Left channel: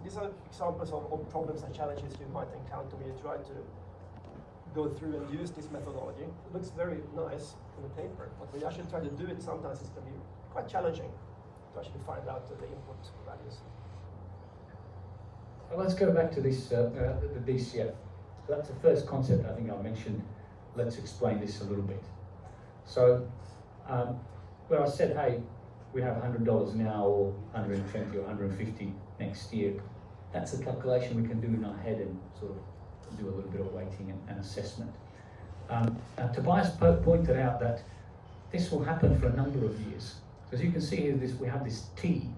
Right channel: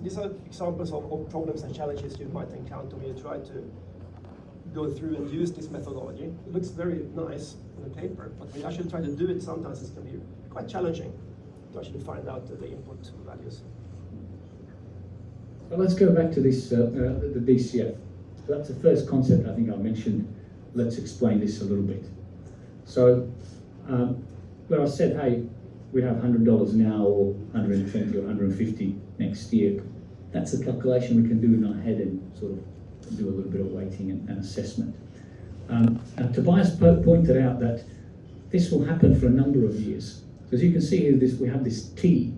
So these are examples of problems and challenges you might encounter when you try to go through and use this methodology. It looks very nice on the paper, but when you actually try to do it, sometimes it can be quite challenging to actually find out the input values. Well, let's go back to this, the DCF. So that's the first concept I think I mentioned. Let's explain this a little bit. So, where I said, hey, we have $100 now, or 120 or 150 next year, that's a calculation we can do in our head and sort of do a little bit of weighting and assessment. Tobias pointed out that this will happen for a number of years. So as you can see here, we have this T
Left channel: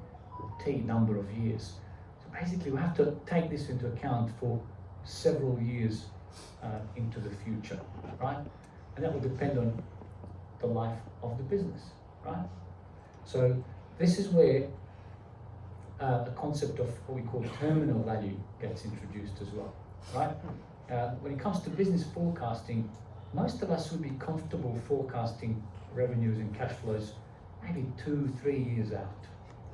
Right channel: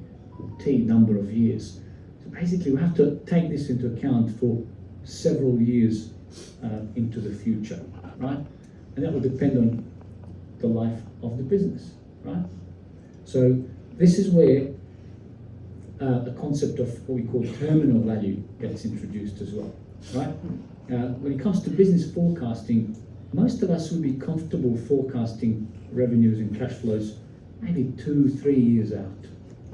number of years. So basically we have to take this into account for several years into the future, right? And that will depend on the life of the business, right? So this is where the concept of what we call terminal value gets introduced as well, right? When it comes to business forecasting, most of us would be comfortable forecasting revenues and cash flows maybe 2-3 years out.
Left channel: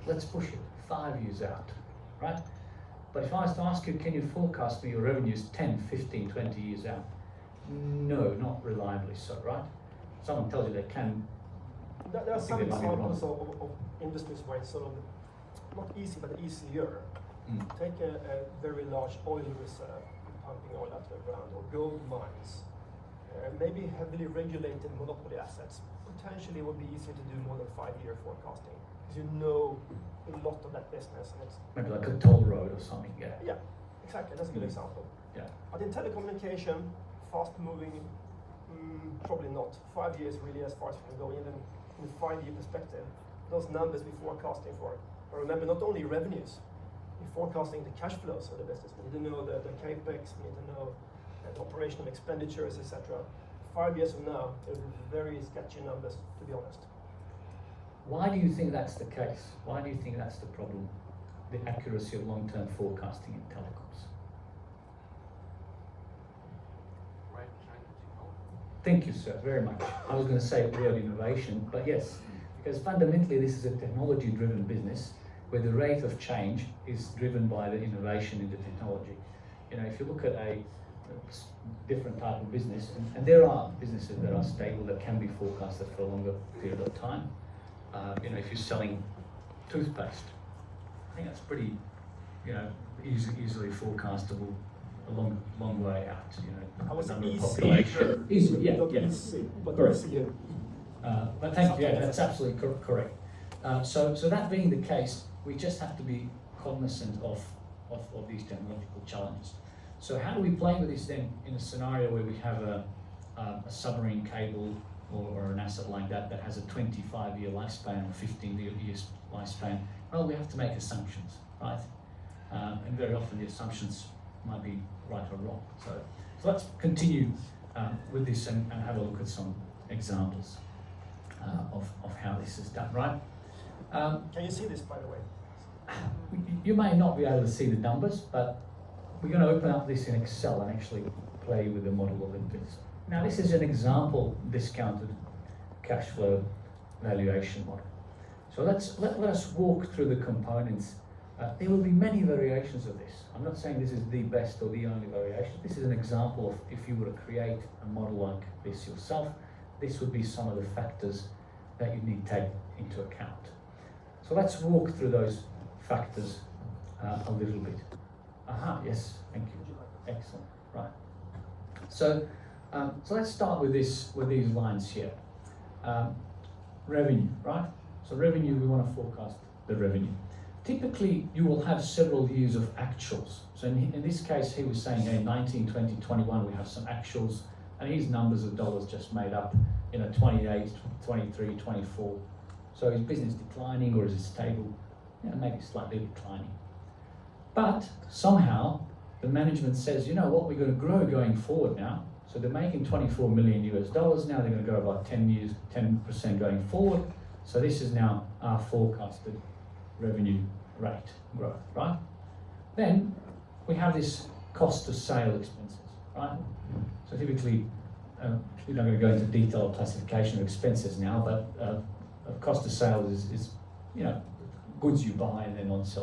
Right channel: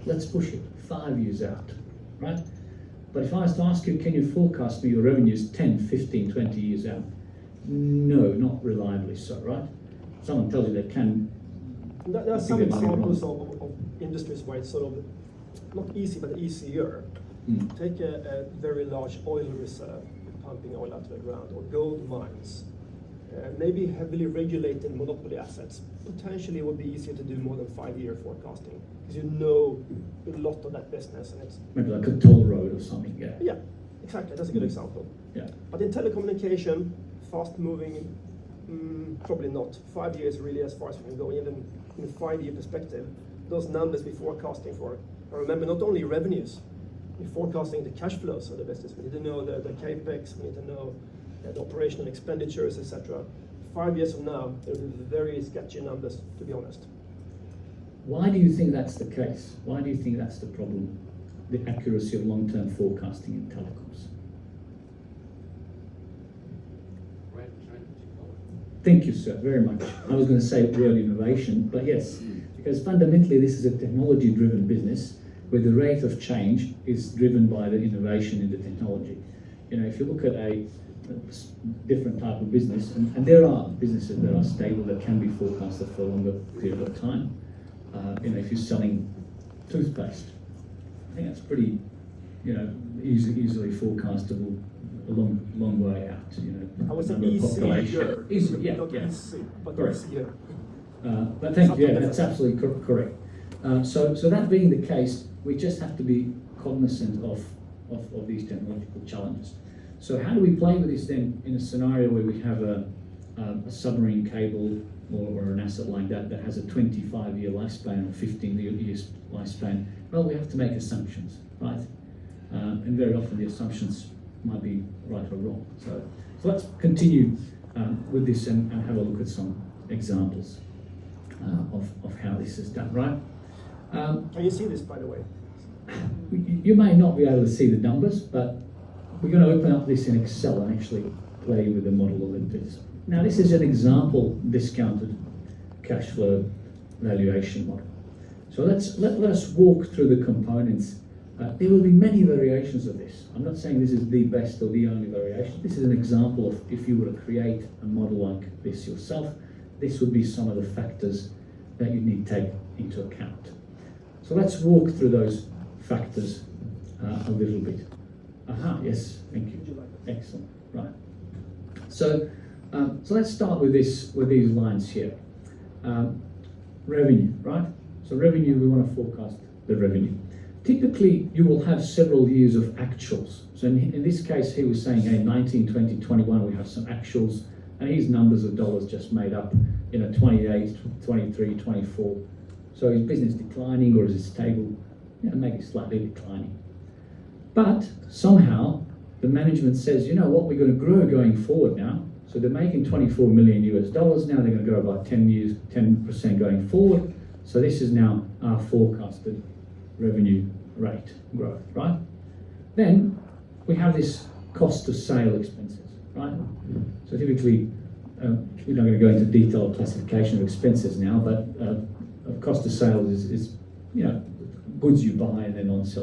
Let's push it 5 years out, right? But if I was to ask you, can you forecast me your revenues 10, 15, 20 years out? No, not reliably so, right? Someone tells you they can. There are some examples of industries where it's sort of not easy, but easier. Take a very large oil reserve, pumping oil out of the ground, or gold mines. Maybe heavily regulated monopoly assets. Potentially it would be easier to do more than 5-year forecasting, because you know a lot of that business. And it's maybe like a toll road or something, yeah. Yeah, exactly, that's a good example. Yeah. But in telecommunication, fast moving, probably not. 5 years really as far as we can go, even in a 5-year perspective. Those numbers we're forecasting for, and remember, not only revenues, we're forecasting the cash flows of the business. We need to know the capex, we need to know the operational expenditures, etc. 5 years from now, there will be very sketchy numbers, to be honest. Why do you think that's the case? Why do you think that's the problem, the accuracy of long-term forecasting in telecoms? Thank you, sir, very much. I was going to say the word innovation, but yes, because fundamentally this is a technology-driven business where the rate of change is driven by the innovation in the technology. You know, if you look at a different type of business, and there are businesses that are stable that can be forecasted for a longer period of time. You know, if you're selling toothpaste, I think that's pretty, you know, easily forecastable a long way out. You know, I was easier. Easily, yeah, not yeah. easy, but Correct. easier. But thank you, yeah, that's absolutely correct. So that being the case, we just have to be cognizant of these technological challenges. So how do we play with this then in a scenario where we have a submarine cable or an asset like that that has a 25-year lifespan or 15-year lifespan? Well, we have to make assumptions, right? And very often the assumptions might be right or wrong. So let's continue with this and have a look at some examples of how this is done, right? Can you see this, by the way? You may not be able to see the numbers, but we're going to open up this in Excel and actually play with the model a little bit. Now, this is an example discounted cash flow valuation model. So let us walk through the components. There will be many variations of this. I'm not saying this is the best or the only variation. This is an example of if you were to create a model like this yourself, this would be some of the factors that you need to take into account. So let's walk through those factors a little bit. Aha, yes, thank you. Excellent, right. So let's start with these lines here. Revenue, right? So revenue, we want to forecast the revenue. Typically, you will have several years of actuals. So in this case, he was saying, hey, 19, 20, 21, we have some actuals, and his numbers of dollars just made up, you know, 28, 23, 24. So is business declining or is it stable? You know, maybe slightly declining. But somehow the management says, you know what, we're going to grow going forward now. So they're making $24 million US. Now they're going to grow about 10% going forward. So this is now our forecasted revenue rate growth, right? Then we have this cost of sale expenses, right? So typically, we're not going to go into detailed classification of expenses now, but cost of sales is you know, goods you buy and then on sell.